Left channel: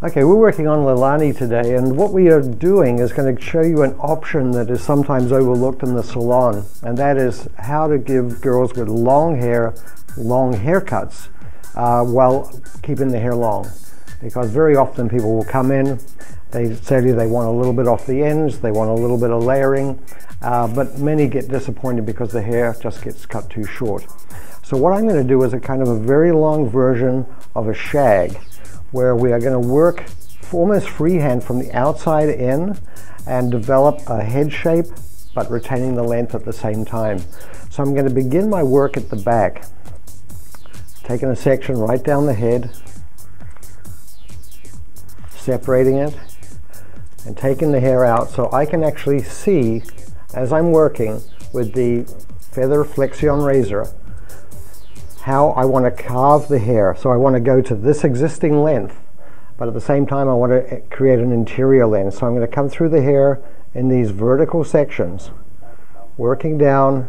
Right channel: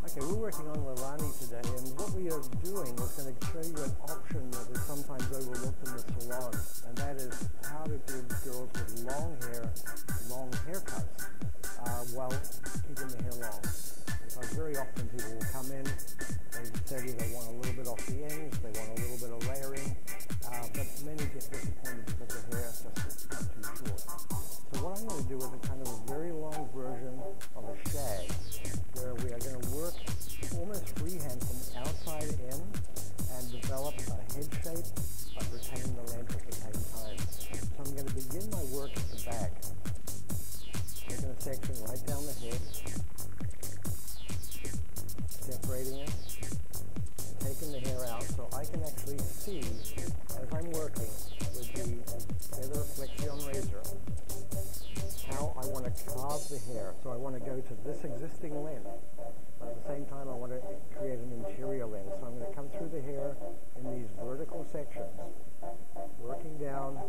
Okay, we're working on Leilani today, and what we are doing is going to show you an option that is sometimes overlooked in the salon, and that is how to give girls with long hair long haircuts while keeping the hair long. Because very often people will come in, they tell you they want a little bit off the ends, they want a little bit of layering, but many get disappointed because the hair just gets cut too short. So what I'm going to do is a kind of a very long version of a shag, where we are going to work almost freehand from the outside in and develop a head shape, but retaining the length at the same time. So I'm going to begin my work at the back, taking a section right down the head, separating it, and taking the hair out so I can actually see, as I'm working with the feather flexion razor, how I want to carve the hair. So I want to go to this existing length, but at the same time I want to create an interior length. So I'm going to come through the hair in these vertical sections, working down,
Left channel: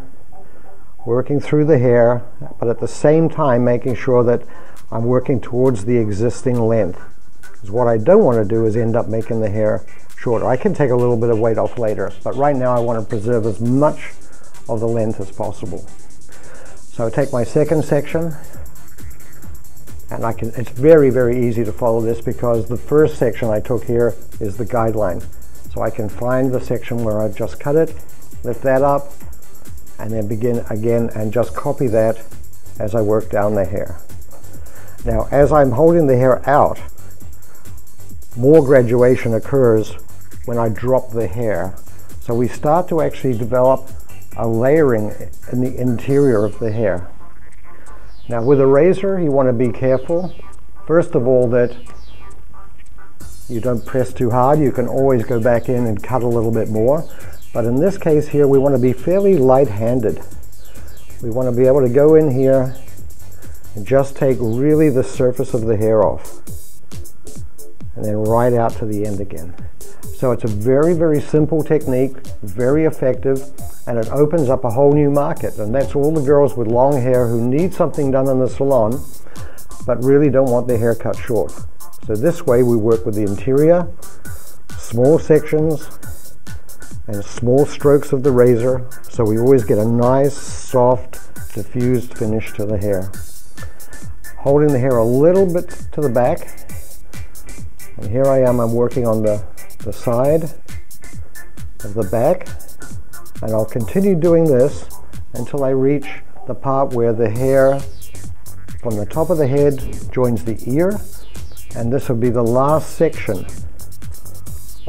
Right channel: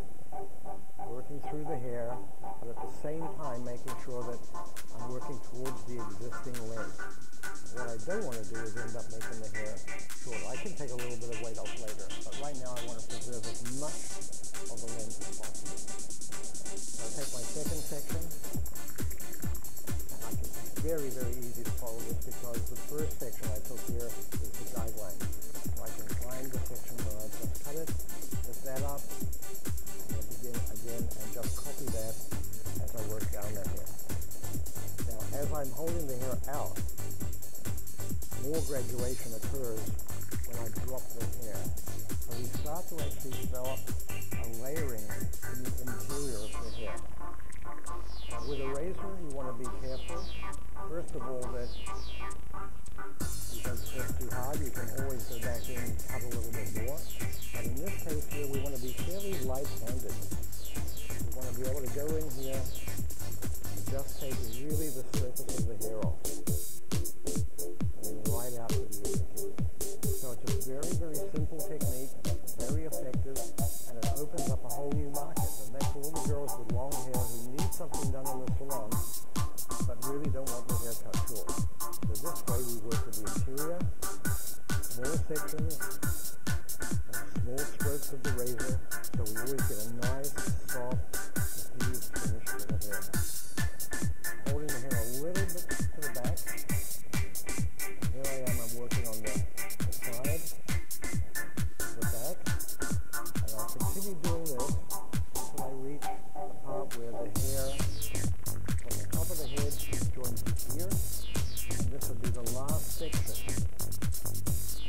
working through the hair, but at the same time making sure that I'm working towards the existing length. Because what I don't want to do is end up making the hair shorter. I can take a little bit of weight off later, but right now I want to preserve as much of the length as possible. So I take my second section, and it's very, very easy to follow this because the first section I took here is the guideline. So I can find the section where I've just cut it, lift that up, and then begin again and just copy that as I work down the hair. Now, as I'm holding the hair out, more graduation occurs when I drop the hair. So we start to actually develop a layering in the interior of the hair. Now with a razor, you want to be careful. First of all, that you don't press too hard. You can always go back in and cut a little bit more. But in this case here, we want to be fairly light-handed. We want to be able to go in here and just take really the surface of the hair off, and then right out to the end again. So it's a very, very simple technique, very effective, and it opens up a whole new market. And that's all the girls with long hair who need something done in the salon, but really don't want their hair cut short. So this way we work with the interior, small sections, and small strokes of the razor, so we always get a nice, soft, diffused finish to the hair. Holding the hair a little bit to the back, and here I am, I'm working on the side of the back, and I'll continue doing this until I reach the part where the hair from the top of the head joins the ear, and this will be the last section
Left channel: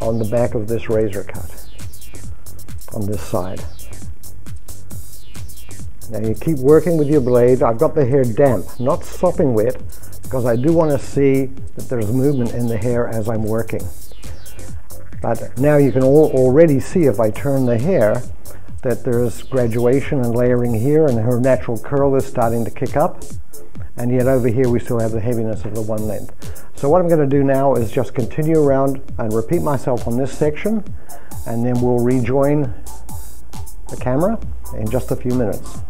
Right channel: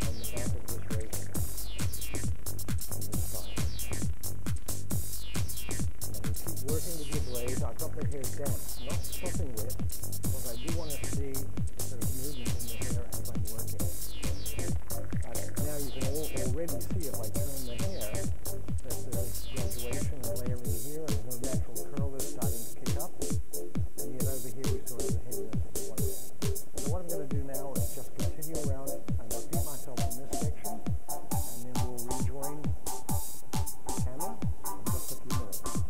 on the back of this razor cut on this side. Now you keep working with your blade. I've got the hair damp, not sopping wet, because I do want to see that there's movement in the hair as I'm working. But now you can already see, if I turn the hair, that there's graduation and layering here, and her natural curl is starting to kick up, and yet over here we still have the heaviness of the one length. So what I'm going to do now is just continue around and repeat myself on this section, and then we'll rejoin the camera in just a few minutes.